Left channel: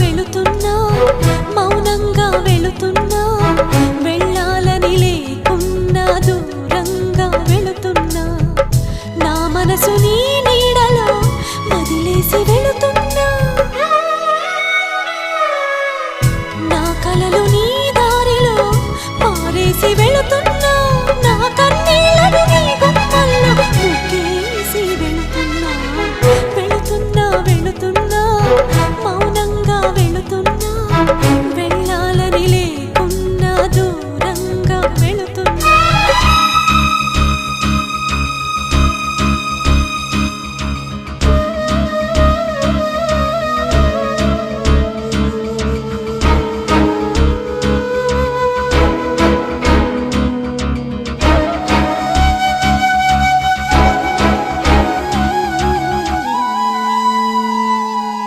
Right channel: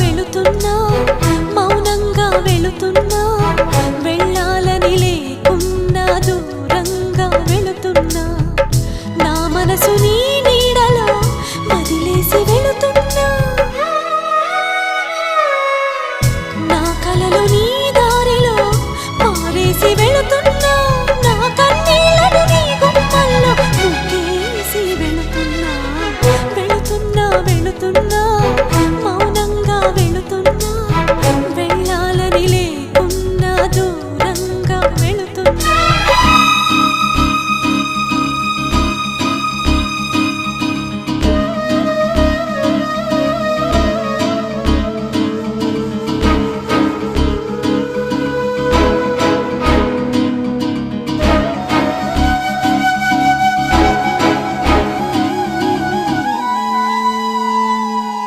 వెళుతున్నా మౌనంగా వెళుతున్నా వెళ్ళాలని లేకున్నా దూరంగా వెళుతున్నా నా మనసు నీ